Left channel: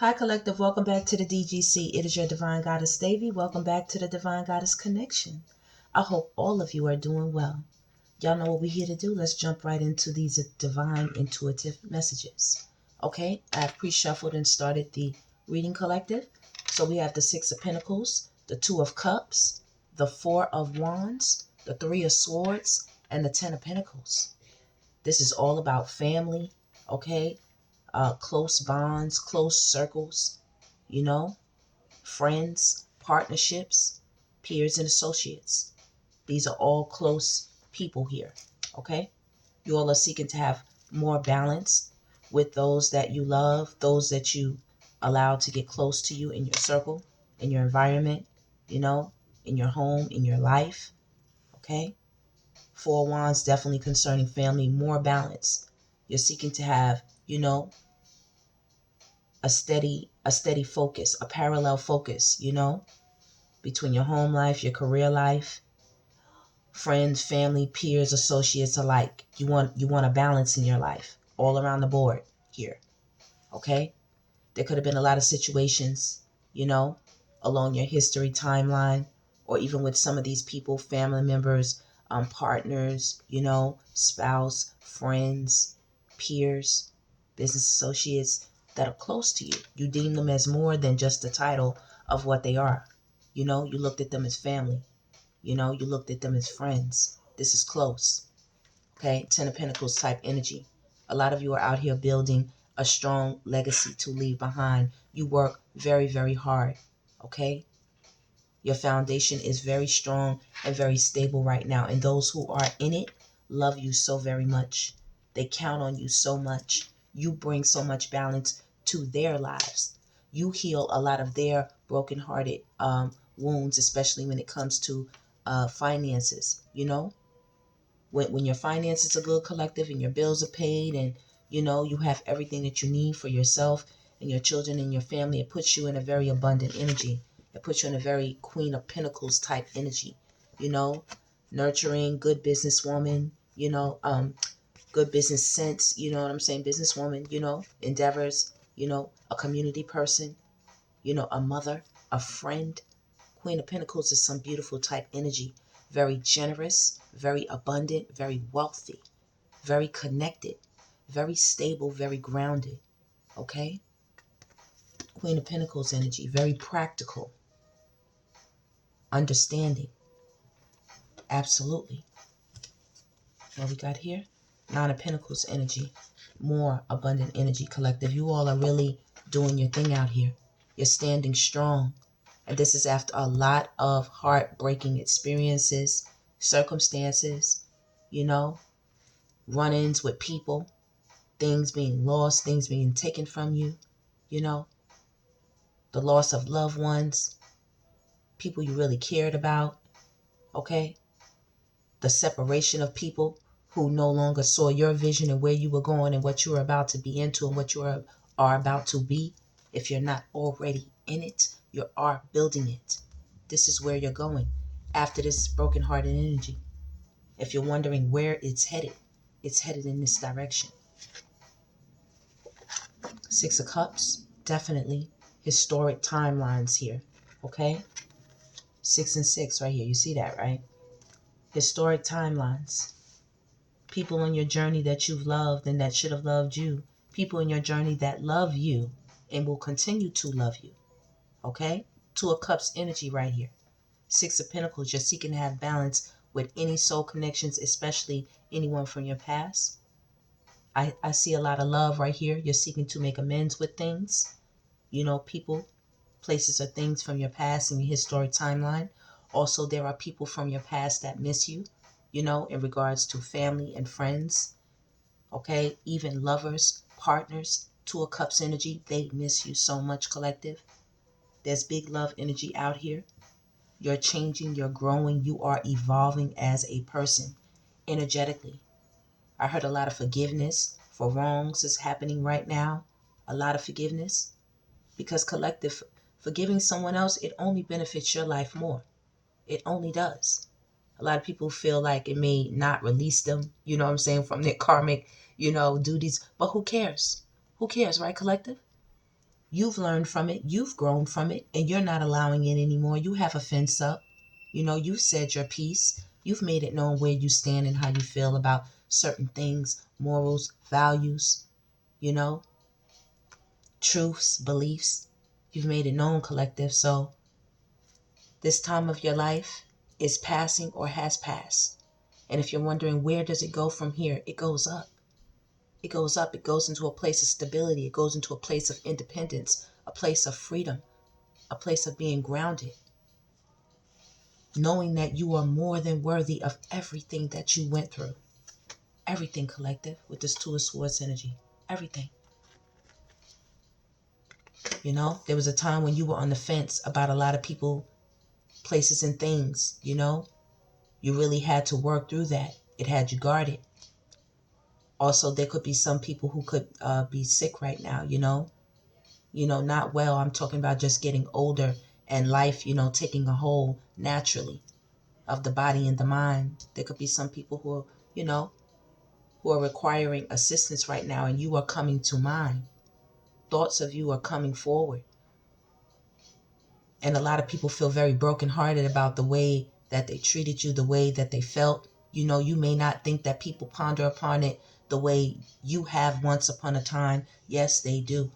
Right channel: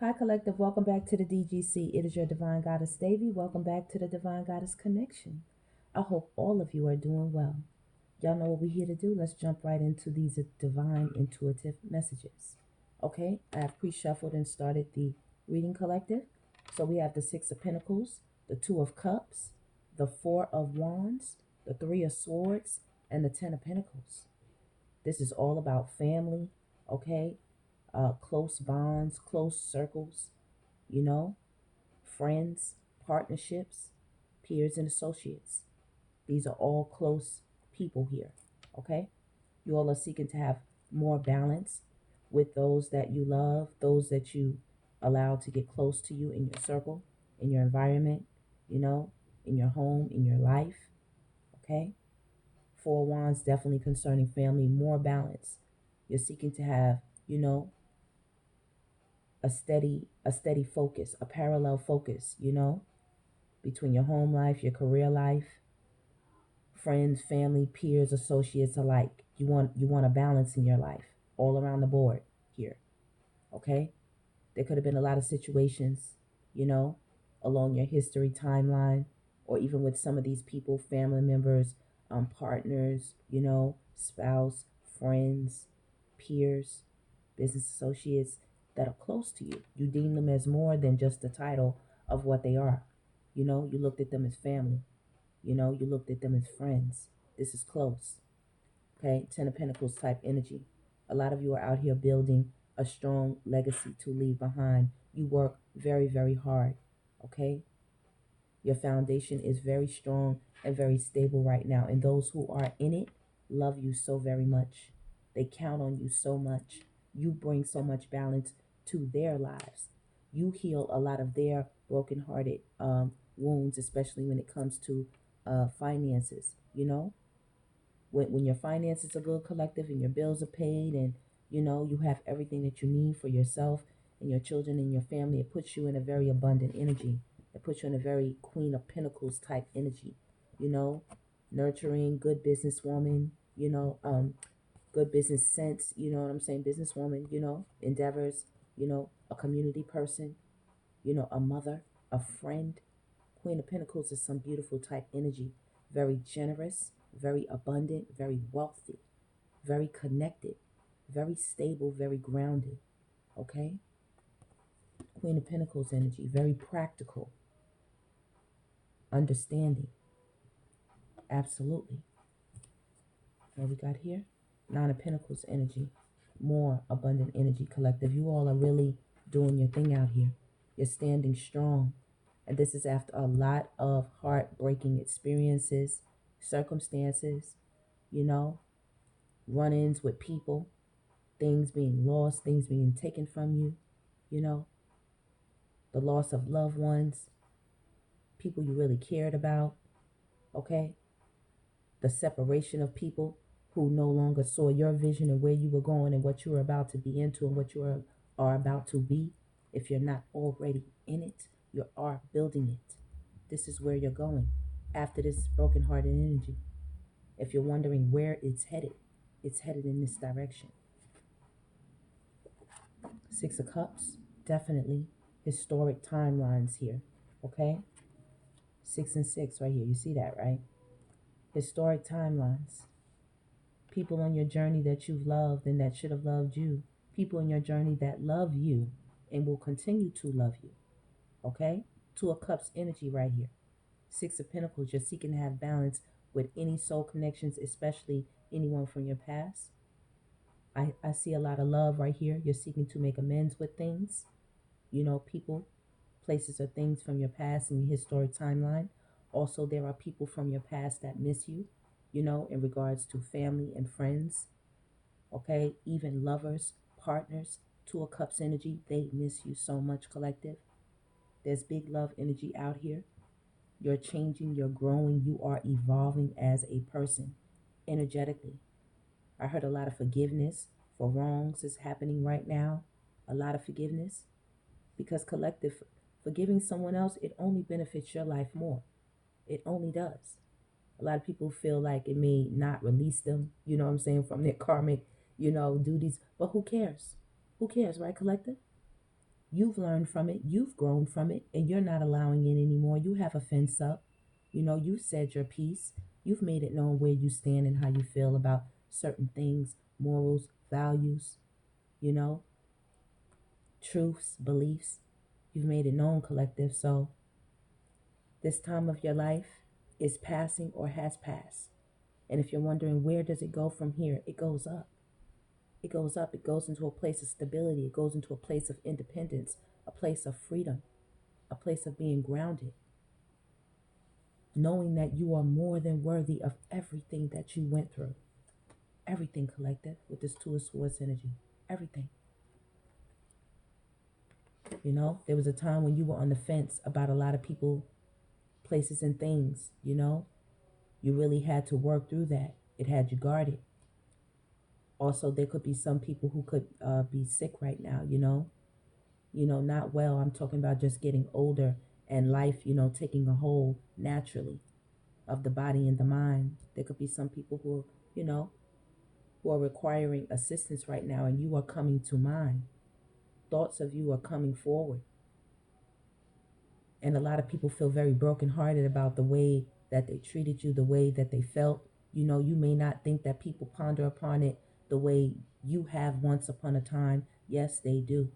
Hi, Collective. Welcome back to the DGC. It is your Divine Goddess, Devi. Welcome back to the Divine Goddess Connection. I hope all of you are doing well. Y'all know what we're here to do. Let's jump right into these divine intuitive messages. Okay, I have pre-shuffled and started the reading collective. So we have the Six of Pentacles, the Two of Cups, the Four of Wands, the Three of Swords, and the Ten of Pentacles. This is all about family, okay? Close bonds, close circles, friends, partnerships, peers, and associates. These are all close people here, okay? You all are seeking to have more balance with those that you love, those that you allow to get close to you in your circle, in your environment, in your home, in your life, okay? Four of Wands, definitely concerning family, more balance. You're seeking to have, a steady focus, a parallel focus, between your home life, your career life, friends, family, peers, associates alike. You want a balance in your life all around the board here. Okay? There could have been a lot of situations, along your history timeline, or even with some of these people, family members, partners, spouse, friends, peers, business associates that are close to you. You deem them as more than just the title of what they are. You looked at them as family. You looked at them as friends. This is close. Okay? Ten of Pentacles type energy. A lot of you are out here building a strong legacy to leave behind. You work very, very hard. Okay? Your foundation is very strong and very stable right now. And those who are in it love you so very much. They count on you so much. You bring so much balance to their lives. You heal a lot of their brokenhearted wounds, especially when it comes to finances. When your finances are good, collective, and your bills are paid, and you have everything that you need for yourself and your children and your family, it puts you in a very abundant energy. It puts you in a very Queen of Pentacles type energy. Nurturing, good businesswoman, good business sense, you know what I'm saying? Businesswoman, endeavors, a community person, a mother, a friend. Queen of Pentacles is some beautiful type energy. Very generous, very abundant, very wealthy, very connected, very stable, very grounded. Okay? Queen of Pentacles energy, very practical, understanding. Absolutely. What we got here? Nine of Pentacles energy, more abundant energy, collective. You all are really doing your thing out here. You're standing strong. And this is after a lot of heartbreaking experiences, circumstances, run-ins with people, things being lost, things being taken from you, the loss of loved ones, people you really cared about, okay? The separation of people who no longer saw your vision and where you were going and what you were about to be into and what you are about to be. If you're not already in it, you are building it. This is where you're going after this brokenhearted energy. If you're wondering where it's headed in this direction. Six of Cups, definitely historic timelines here, okay? 6 and 6 right here. You see that, right? Historic timelines. People on your journey that you've loved and that should have loved you. People in your journey that love you and will continue to love you, okay? Two of Cups energy right here. Six of Pentacles, you're seeking to have balance with any soul connections, especially anyone from your past. I see a lot of love right here. You're seeking to make amends with things. People, places, or things from your past and your historic timeline. Also, there are people from your past that miss you, in regards to family and friends. Okay, even lovers, partners. Two of Cups energy, they miss you so much, collective. There's big love energy out here. You're changing, you're growing, you are evolving as a person energetically. I heard a lot of forgiveness for wrongs is happening right now. A lot of forgiveness. Because collective, forgiving someone else, it only benefits your life more. It only does. A lot of people feel like it may not release them, from their karmic, duties. But who cares? Who cares, right, collective? You've learned from it. You've grown from it. And you're not allowing it anymore. You have a fence up. You know, you've said your piece. You've made it known where you stand and how you feel about certain things, morals, values, you know, truths, beliefs. You've made it known, collective. So this time of your life is passing or has passed. And if you're wondering where does it go from here, it goes up. It goes up. It goes into a place of stability. It goes into a place of independence, a place of freedom, a place of being grounded, knowing that you are more than worthy of everything that you went through. Everything, collective, with this Two of Swords energy. Everything. You know, there was a time when you were on the fence about a lot of people, places, and things, you know. You really had to work through that. It had you guarded. Also, there could be some people who could be sick right now, you know. You know, not well. I'm talking about just getting older and life, you know, taking a hold naturally of the body and the mind. There could be some people who are, you know, who are requiring assistance right now, and you are coming to mind. Thoughts of you are coming forward. And a lot of people feel very brokenhearted about the way that they treated you, the way that they felt. You know, you may not think that people ponder upon it the way you have once upon a time. Yes, they do.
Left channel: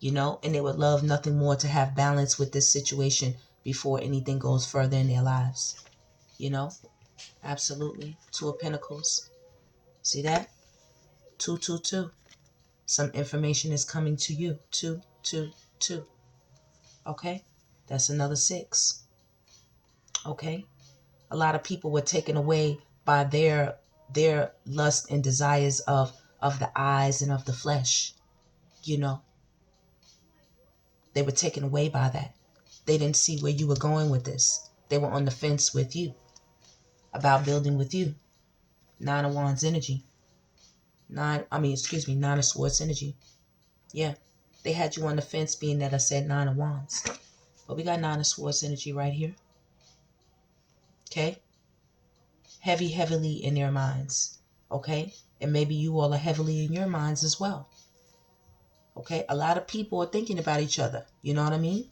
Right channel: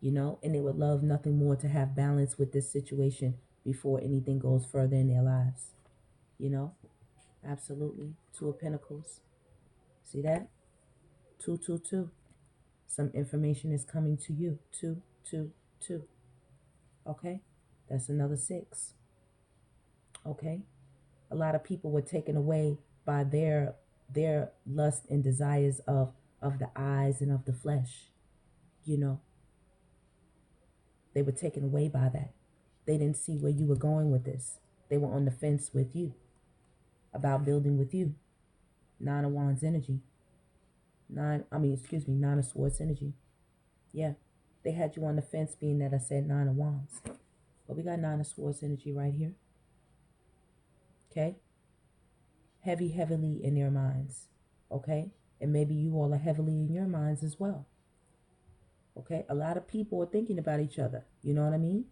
You know, and they would love nothing more to have balance with this situation before anything goes further in their lives. You know, absolutely. Two of Pentacles. See that? 222. Some information is coming to you. 222. Okay? That's another 6. Okay? A lot of people were taken away by their lust and desires of the eyes and of the flesh. You know, they were taken away by that. They didn't see where you were going with this. They were on the fence with you about building with you. 9 of Wands energy. 9 of Swords energy. Yeah. They had you on the fence, being that I said 9 of Wands. But we got 9 of Swords energy right here. Okay? Heavily in their minds. Okay? And maybe you all are heavily in your minds as well. Okay? A lot of people are thinking about each other. You know what I mean?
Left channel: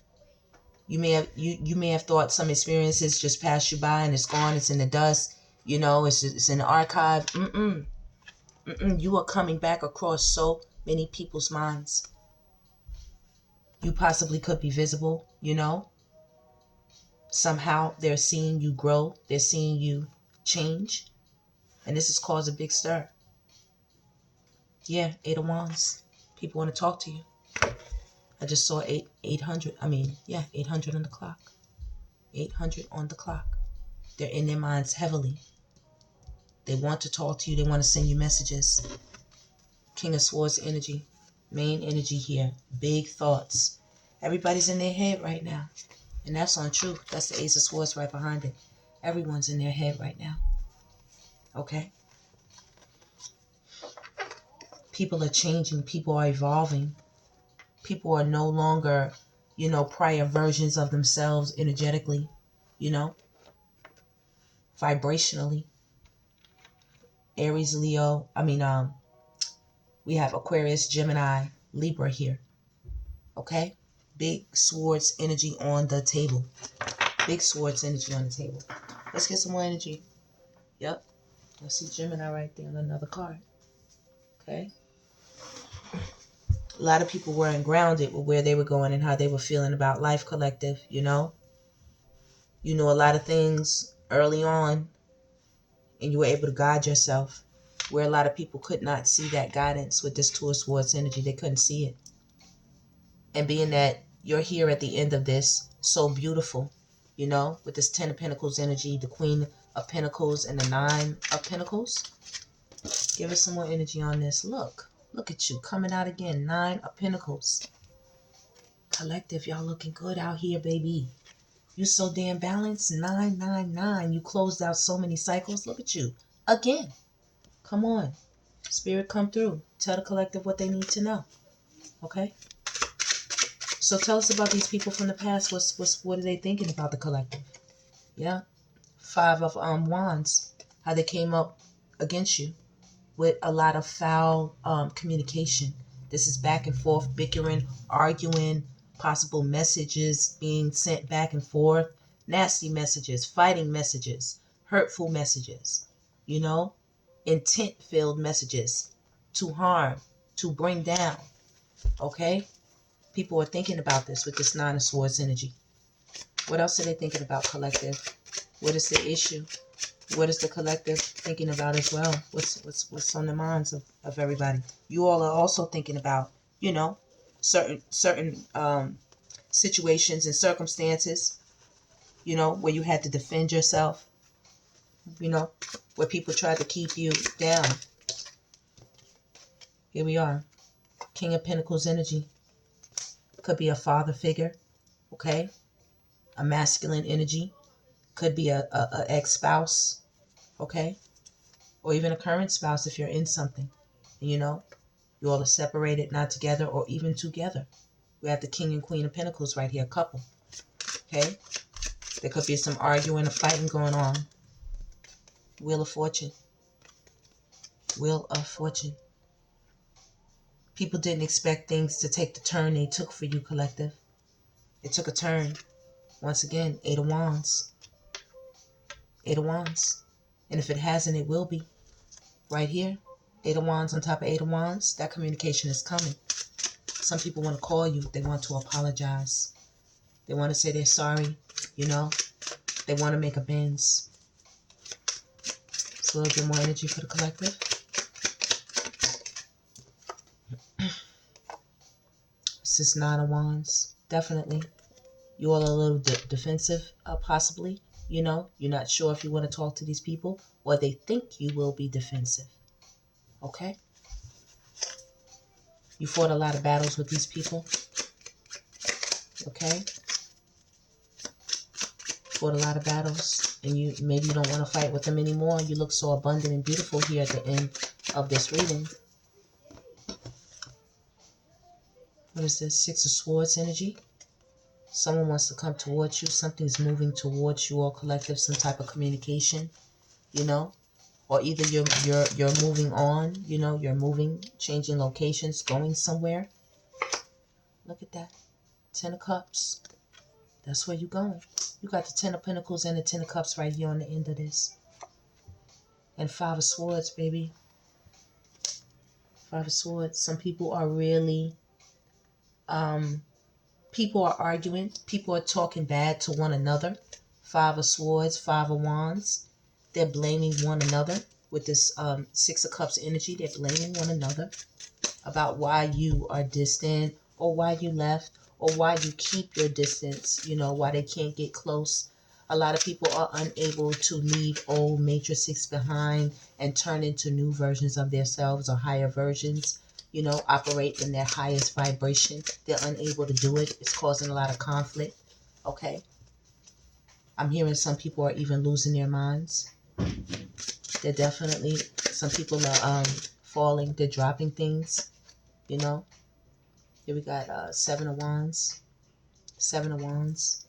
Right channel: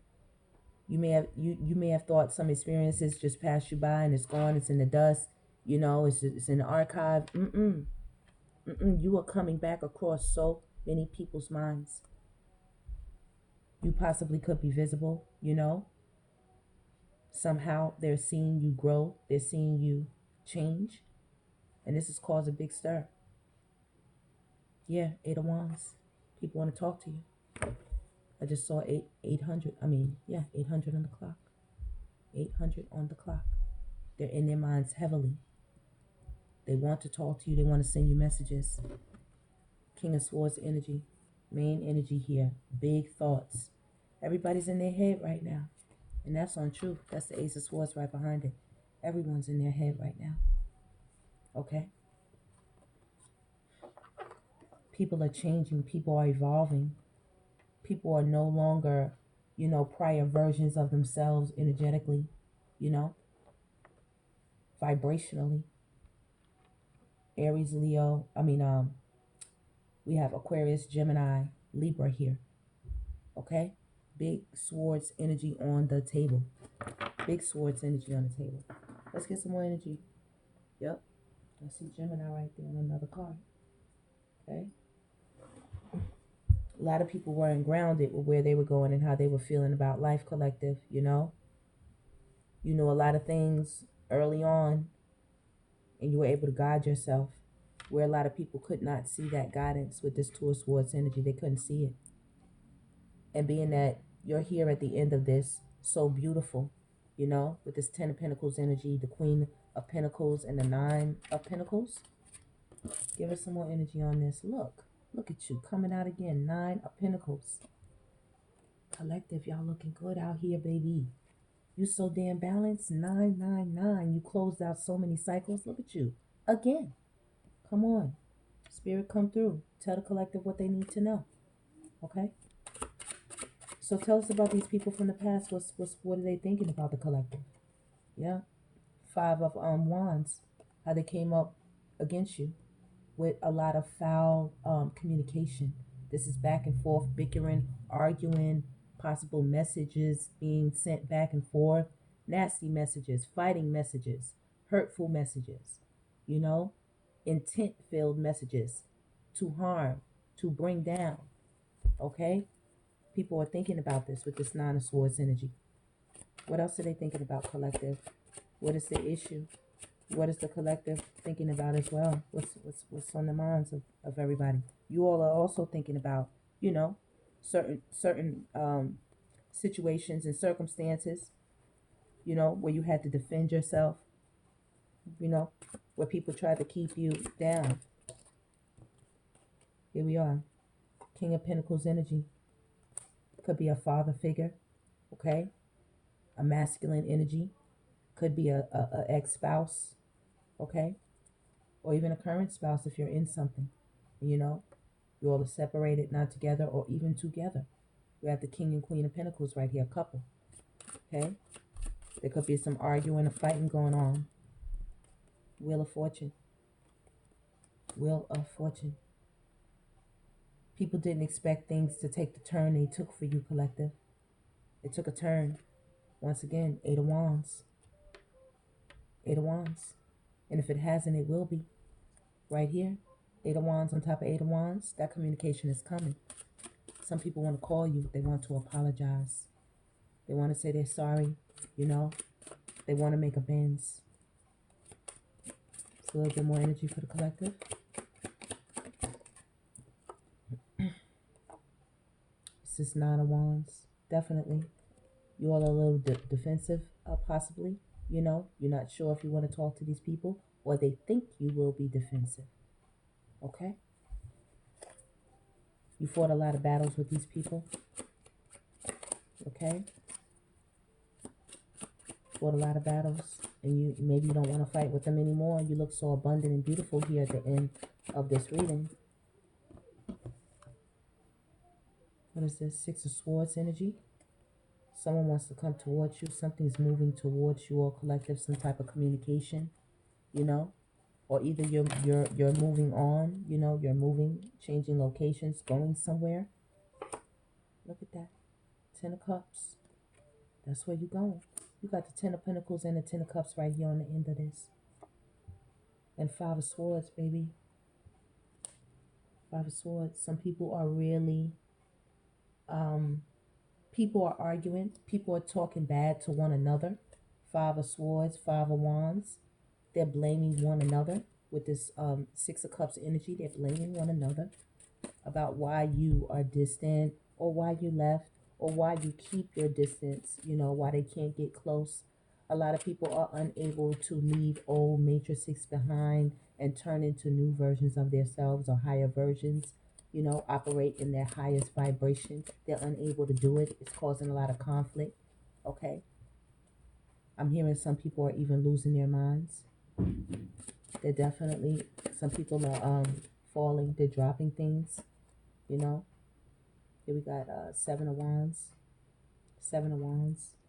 You may have thought some experiences just passed you by and it's gone, it's in the dust, you know, it's in the archive. You are coming back across so many people's minds. You possibly could be visible, you know. Somehow they're seeing you grow, they're seeing you change, and this has caused a big stir. Yeah, 8 of Wands. People want to talk to you. I just saw 800. 800 on the clock. 800 on the clock. They're in their minds heavily. They want to talk to you. They want to send you messages. King of Swords energy. Main energy here. Big thoughts. Everybody's in their head right now. And that's on truth. That's the Ace of Swords right behind it. Everyone's in their head right now. Okay? People are changing. People are evolving. People are no longer, you know, prior versions of themselves energetically, you know, vibrationally. Aries, Leo, we have Aquarius, Gemini, Libra here. Okay? Big swords energy on the table. Big swords energy on the table. Let's get some more energy. Yep. I see Gemini right there on another card. Okay? A lot of people weren't grounded with where they were going and how they were feeling about life, collective, you know? You knew a lot of things early on and you were able to guide yourself, where a lot of people could not see that guidance with this Two of Swords energy. They couldn't see it. And being that you're here at the end of this, so beautiful, you know, with this 10 of Pentacles energy, the Queen of Pentacles, and the 9 of Pentacles. Give us some more energy on this. Look at you coming out again. 9 of Pentacles. Collective, y'all looking good out here, baby. You so damn balanced. 999. You closed out so many cycles. Look at you again. Come on. Spirit, come through. Tell the collective what they need to know. Okay? So tell us about these people from the past. What are they thinking about the collective? Yeah. 5 of Wands. How they came up against you with a lot of foul communication, This is back and forth, bickering, arguing, possible messages being sent back and forth, nasty messages, fighting messages, hurtful messages, intent-filled messages to harm, to bring down, okay? People are thinking about this with this Nine of Swords energy. What else are they thinking about, collective? What is the issue? What is the collective thinking about as well? What's on the minds of everybody? You all are also thinking about, certain situations and circumstances, where you had to defend yourself, where people tried to keep you down. Here we are. King of Pentacles energy. Could be a father figure, okay? A masculine energy. Could be a ex-spouse, okay? Or even a current spouse if you're in something. You all are separated, not together, or even together. We have the King and Queen of Pentacles right here, couple, okay? There could be some arguing or fighting going on. Wheel of Fortune. Wheel of Fortune. People didn't expect things to take the turn they took for you, collective. It took a turn. Once again, Eight of Wands. Eight of Wands. And if it hasn't, it will be. Right here. Eight of Wands on top of Eight of Wands. That communication is coming. Some people want to call you. They want to apologize. They want to say they're sorry. They want to make amends. It's a little bit more energy for the collective. This is Nine of Wands. Definitely. You all are a little defensive, possibly. You're not sure if you want to talk to these people, or they think you will be defensive. Okay? You fought a lot of battles with these people. Okay? Fought a lot of battles, and maybe you don't want to fight with them anymore. You look so abundant and beautiful here at the end of this reading. What is this? Six of Swords energy. Someone wants to come towards you. Something's moving towards you all, collective. Some type of communication, or either you're moving on. You're moving, changing locations, going somewhere. Look at that. 10 of Cups. That's where you're going. You got the 10 of Pentacles and the 10 of Cups right here on the end of this. And 5 of Swords, baby. 5 of Swords. Some people are really, people are arguing. People are talking bad to one another. 5 of Swords, 5 of Wands. They're blaming one another with this 6 of Cups energy. They're blaming one another about why you are distant, or why you left, or why you keep your distance, why they can't get close. A lot of people are unable to leave old matrices behind and turn into new versions of themselves, or higher versions, operate in their highest vibration. They're unable to do it. It's causing a lot of conflict, okay? I'm hearing some people are even losing their minds. They're definitely, some people are falling, they're dropping things, Here we got 7 of Wands. 7 of Wands.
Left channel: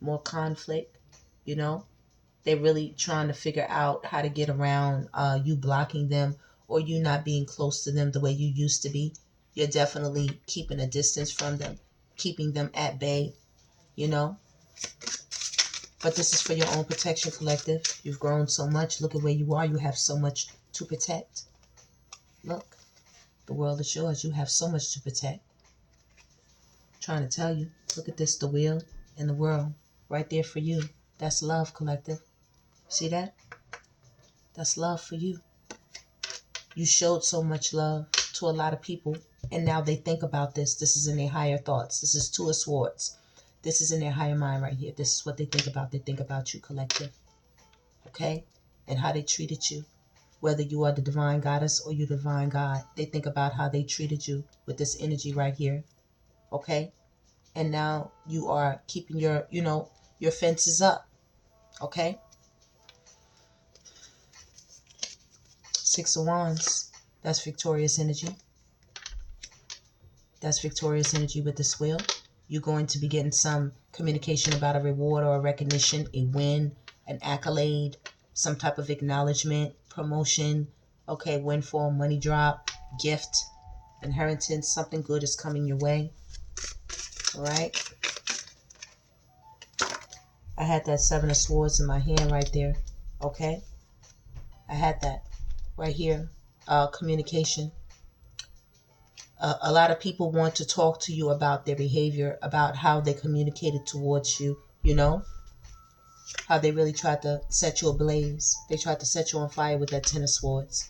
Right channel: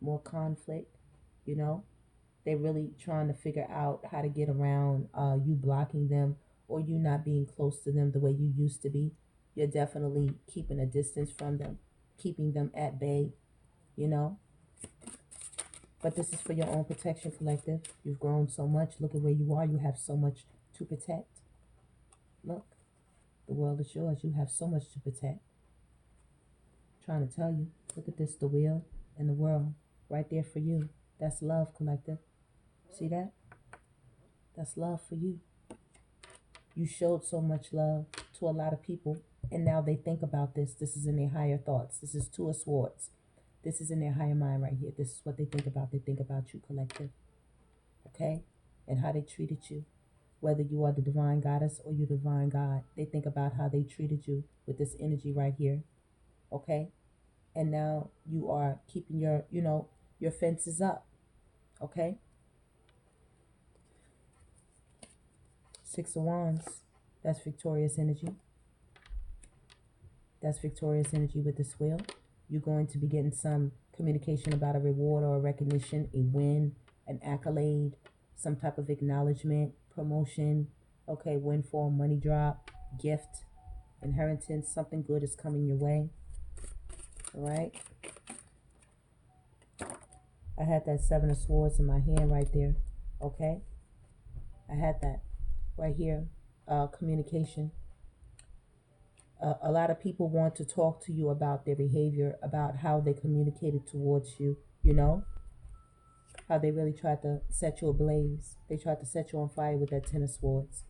More conflict, They're really trying to figure out how to get around you blocking them, or you not being close to them the way you used to be. You're definitely keeping a distance from them, keeping them at bay, But this is for your own protection, collective. You've grown so much. Look at where you are. You have so much to protect. Look, the world is yours. You have so much to protect. Trying to tell you. Look at this, the wheel and the world. Right there for you. That's love, collective. See that? That's love for you. You showed so much love to a lot of people, and now they think about this. This is in their higher thoughts. This is 2 of Swords. This is in their higher mind right here. This is what they think about. They think about you, collective. Okay? And how they treated you. Whether you are the divine goddess or you divine God, they think about how they treated you with this energy right here. Okay? And now you are keeping your, your fences up. Okay? 6 of Wands. That's victorious energy. That's victorious energy with this wheel. You're going to be getting some communication about a reward or a recognition, a win, an accolade, some type of acknowledgement, promotion, okay, windfall, money drop, gift, inheritance, something good is coming your way. All right. I had that Seven of Swords in my hand right there. Okay. I had that right here. Communication. A lot of people want to talk to you about their behavior, about how they communicated towards you, you know, how they really tried to set you ablaze. They tried to set you on fire with that Ten of Swords.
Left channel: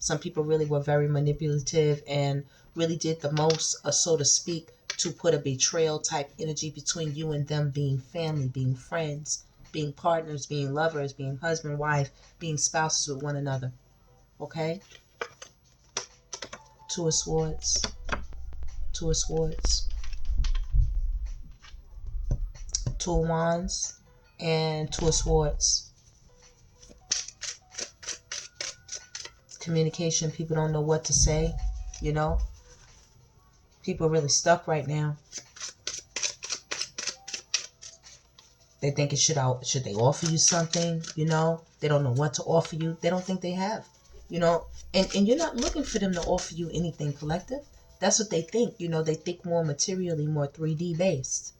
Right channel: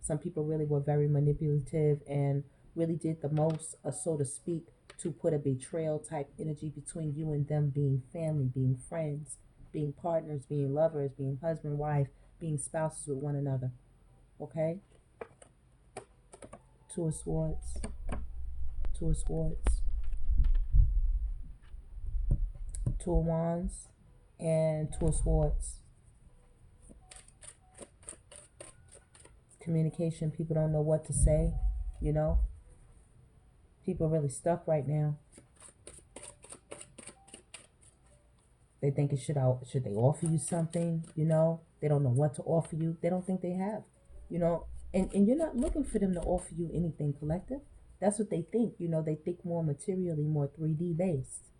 Some people really were very manipulative and really did the most, so to speak, to put a betrayal type energy between you and them being family, being friends, being partners, being lovers, being husband, wife, being spouses with one another. Okay? Two of Swords. Two of Swords. Two of Wands and Two of Swords. Communication. People don't know what to say, you know. People are really stuck right now. They think should they offer you something, you know. They don't know what to offer you. They don't think they have, you know. And you're not looking for them to offer you anything, collective. That's what they think, you know. They think more materially, more 3D based.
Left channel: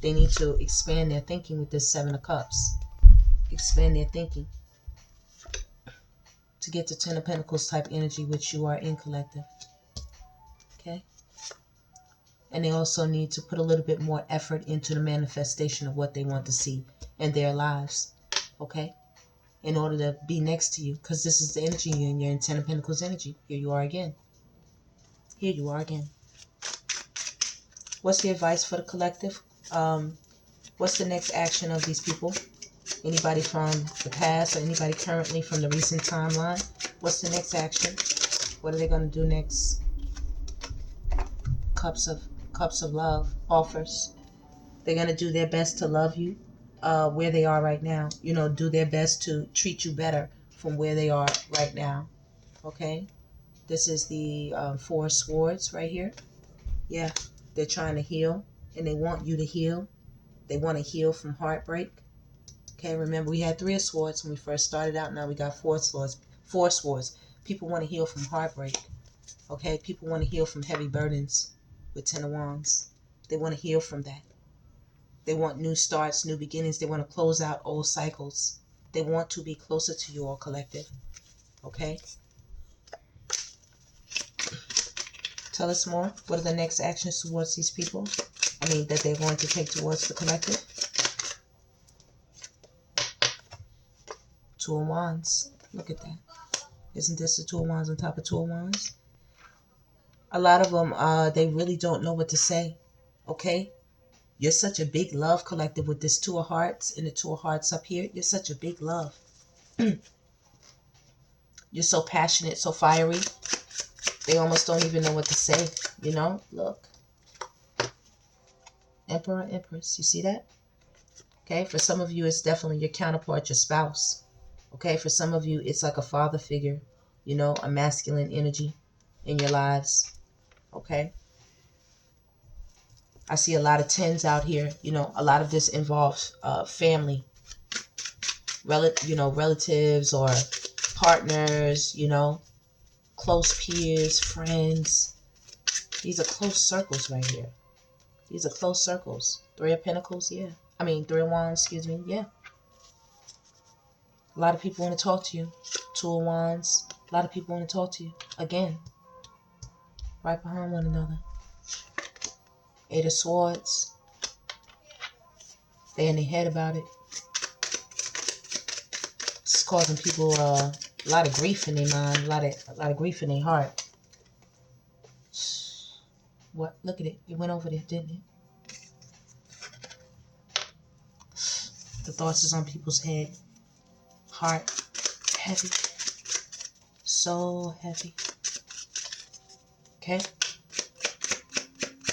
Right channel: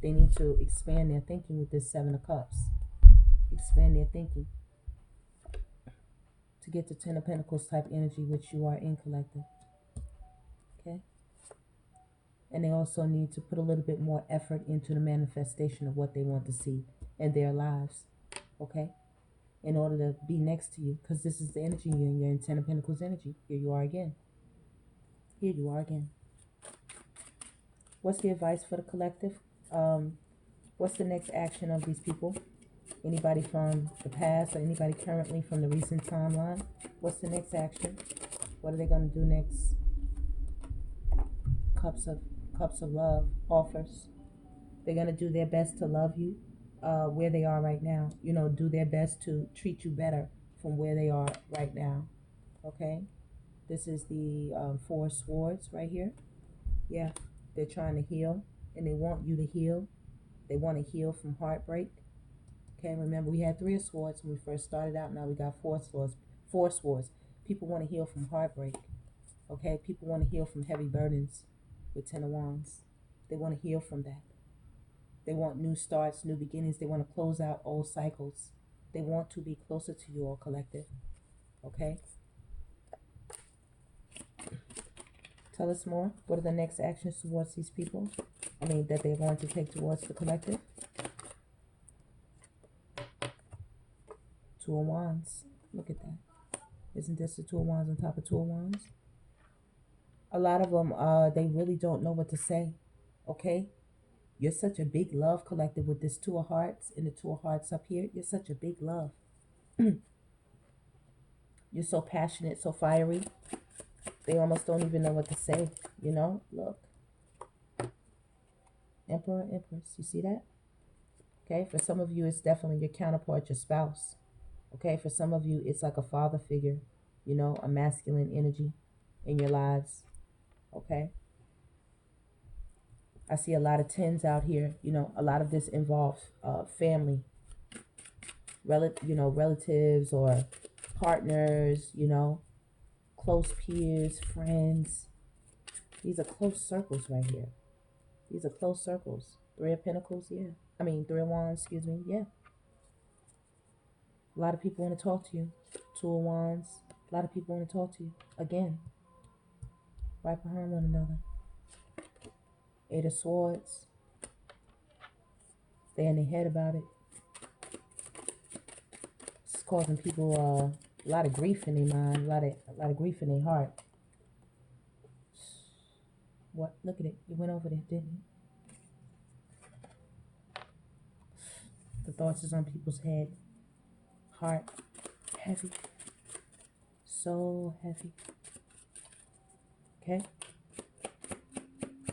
They need to expand their thinking with this Seven of Cups. Expand their thinking to get to Ten of Pentacles type energy, which you are in, collective. Okay? And they also need to put a little bit more effort into the manifestation of what they want to see in their lives. Okay? In order to be next to you. Because this is the energy you're in Ten of Pentacles energy. Here you are again. Here you are again. What's the advice for the collective? What's the next action of these people? Anybody from the past or anybody currently from the recent timeline? What's the next action? What are they going to do next? Cups of love offers. They're going to do their best to love you where they are right now. You know, do their best to treat you better from where they are right now. Okay? This is the Four of Swords right here. Yeah, they're trying to heal and they want you to heal. They want to heal from heartbreak. Okay, remember we had Three of Swords when we first started out. Now we got Four Swords. Four Swords. People want to heal from heartbreak. Okay, people want to heal from heavy burdens with Ten of Wands. They want to heal from that. They want new starts, new beginnings. They want to close out old cycles. They want to be closer to you all, collective. Okay? Tell us more. What are the next actions towards these people? I mean, that they're going to take towards the collective. Two of Wands. Look at that. Isn't this the Two of Wands on top of Two of Wands? A lot of them, they really don't know what to say. Okay? You're such a big love collective with this Two of Hearts and the Two of Hearts up here. You're such a big love. You're so passionate, so fiery. They almost don't even know what to say. You know? Look. Emperor, Empress. You see that? Okay? For some of you, it's definitely your counterpart, your spouse. Okay? For some of you, it's like a father figure. You know? A masculine energy in your lives. Okay? I see a lot of tens out here. You know, a lot of this involves family, relatives or partners, you know, close peers, friends. These are close circles right here. These are close circles. Three of Pentacles, yeah. I mean, Three of Wands, excuse me, yeah. A lot of people want to talk to you. Two of Wands. A lot of people want to talk to you. Again, right behind one another. Eight of Swords. They're in their head about it. It's causing people a lot of grief in their mind, a lot of grief in their heart. What? Look at it. It went over there, didn't it? The thoughts is on people's head. Heart. Heavy. So heavy. Okay?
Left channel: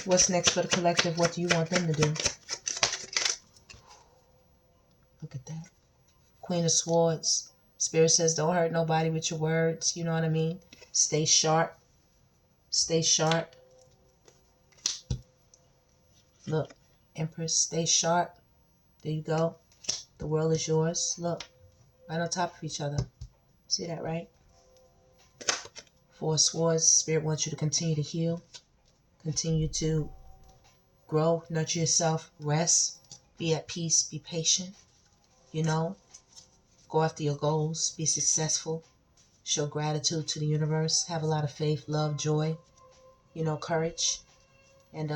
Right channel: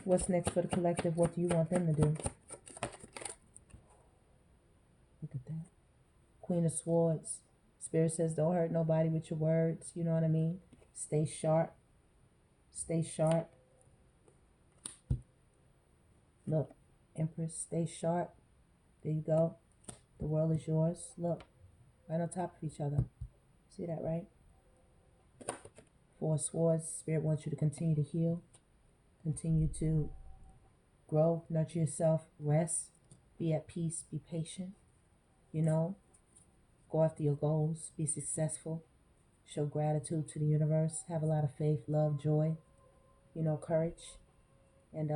What's next for the collective? What do you want them to do? Look at that. Queen of Swords. Spirit says don't hurt nobody with your words. You know what I mean? Stay sharp. Stay sharp. Look. Empress, stay sharp. There you go. The world is yours. Look. Right on top of each other. See that, right? Four of Swords, Spirit wants you to continue to heal, continue to grow, nurture yourself, rest, be at peace, be patient, you know, go after your goals, be successful, show gratitude to the universe, have a lot of faith, love, joy, you know, courage. And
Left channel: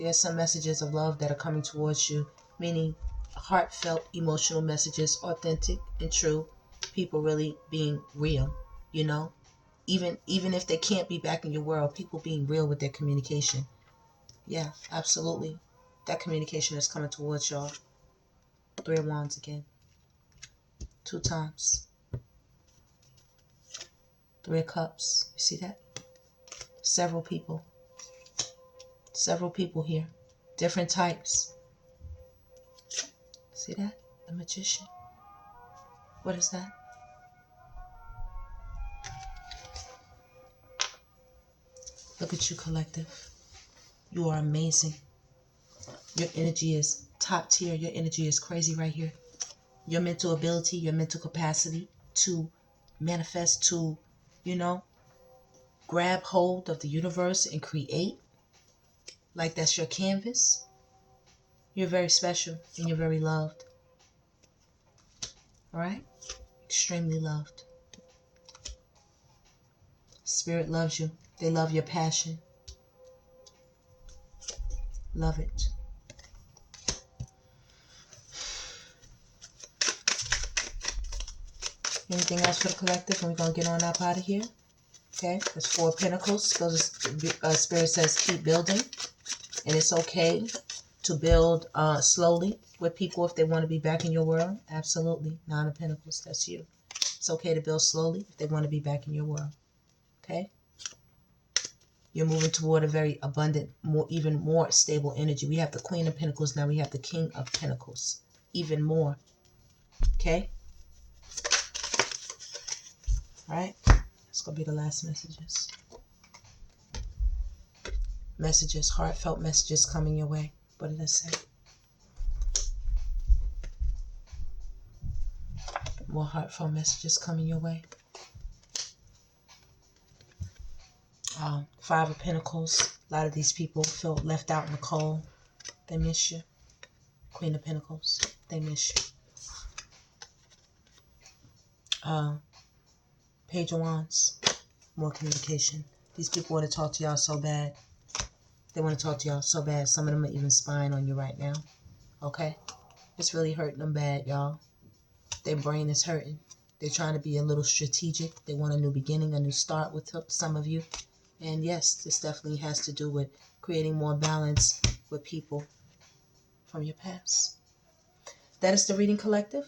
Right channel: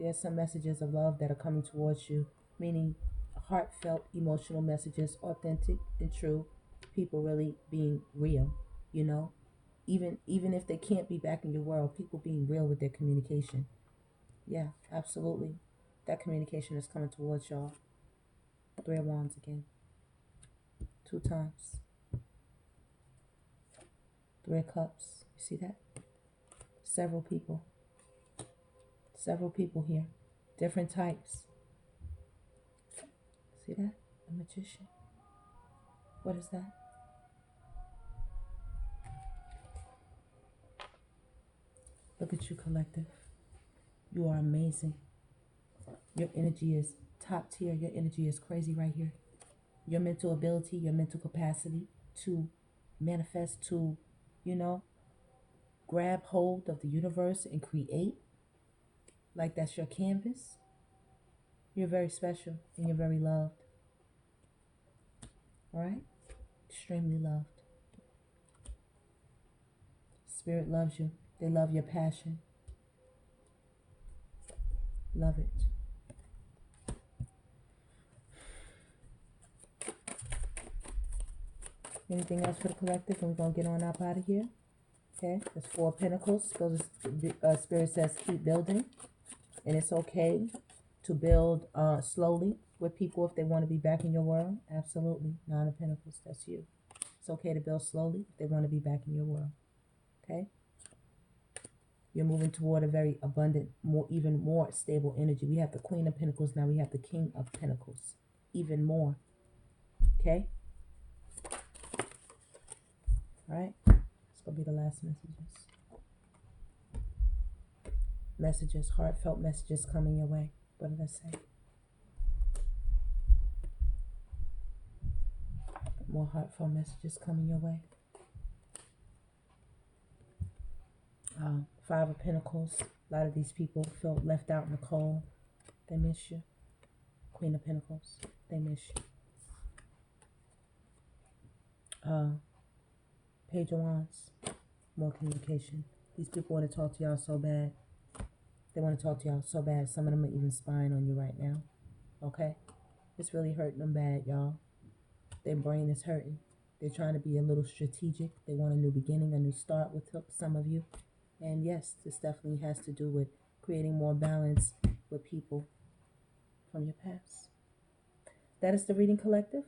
there's some messages of love that are coming towards you, meaning heartfelt, emotional messages, authentic and true, people really being real, you know, even if they can't be back in your world, people being real with their communication. Yeah, absolutely. That communication is coming towards y'all. Three of Wands again. 2 times. Three of Cups. You see that? Several people. Several people here. Different types. See that? The Magician. What is that? Look at you, collective. You are amazing. Your energy is top tier. Your energy is crazy right here. Your mental ability, your mental capacity to manifest, to, you know, grab hold of the universe and create, like that's your canvas. You're very special and you're very loved. All right? Extremely loved. Spirit loves you. They love your passion. Love it. Anything else for the collective? And we're going to get on up out of here. Okay? There's 4 of Pentacles. Spirit says keep building. And it's okay to build slowly with people if they want to be back in your world. Absolutely. 9 of Pentacles. That's you. It's okay to build slowly if they want to be back in your world. Okay? You're moving toward a very abundant, even more stable energy. We have the Queen of Pentacles. Now we have the King of Pentacles. Even more. Okay? All right? It's going to be the last messages. Messages, heartfelt messages coming your way. What did I say? More heartfelt messages coming your way. 5 of Pentacles. A lot of these people feel left out in the cold. They miss you. Queen of Pentacles. They miss you. Page of Wands. More communication. These people want to talk to y'all so bad. They want to talk to y'all so bad. Some of them are even spying on you right now. Okay? It's really hurting them bad, y'all. Their brain is hurting. They're trying to be a little strategic. They want a new beginning, a new start with some of you. And yes, this definitely has to do with creating more balance with people from your past. That is the reading, collective.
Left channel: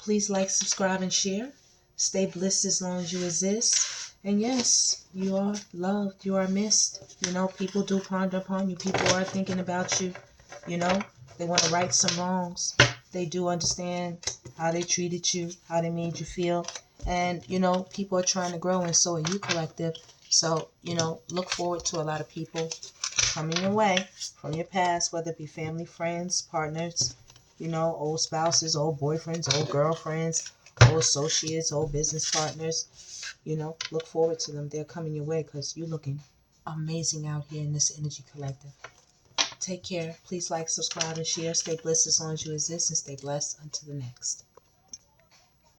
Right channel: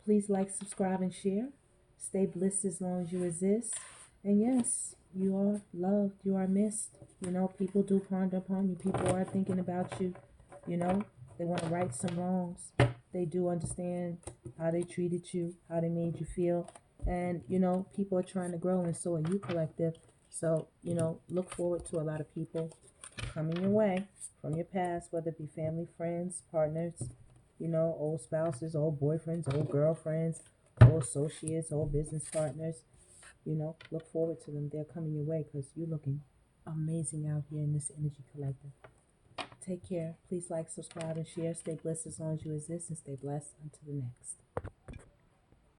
Please like, subscribe, and share. Stay blessed as long as you exist. And yes, you are loved. You are missed. You know, people do ponder upon you. People are thinking about you. You know, they want to right some wrongs. They do understand how they treated you, how they made you feel. And, you know, people are trying to grow, and so are you, collective. So, you know, look forward to a lot of people coming your way from your past, whether it be family, friends, partners, you know, old spouses, old boyfriends, old girlfriends, old associates, old business partners. You know, look forward to them. They're coming your way because you're looking amazing out here in this energy, collective. Take care. Please like, subscribe, and share. Stay blessed as long as you exist, and stay blessed until the next.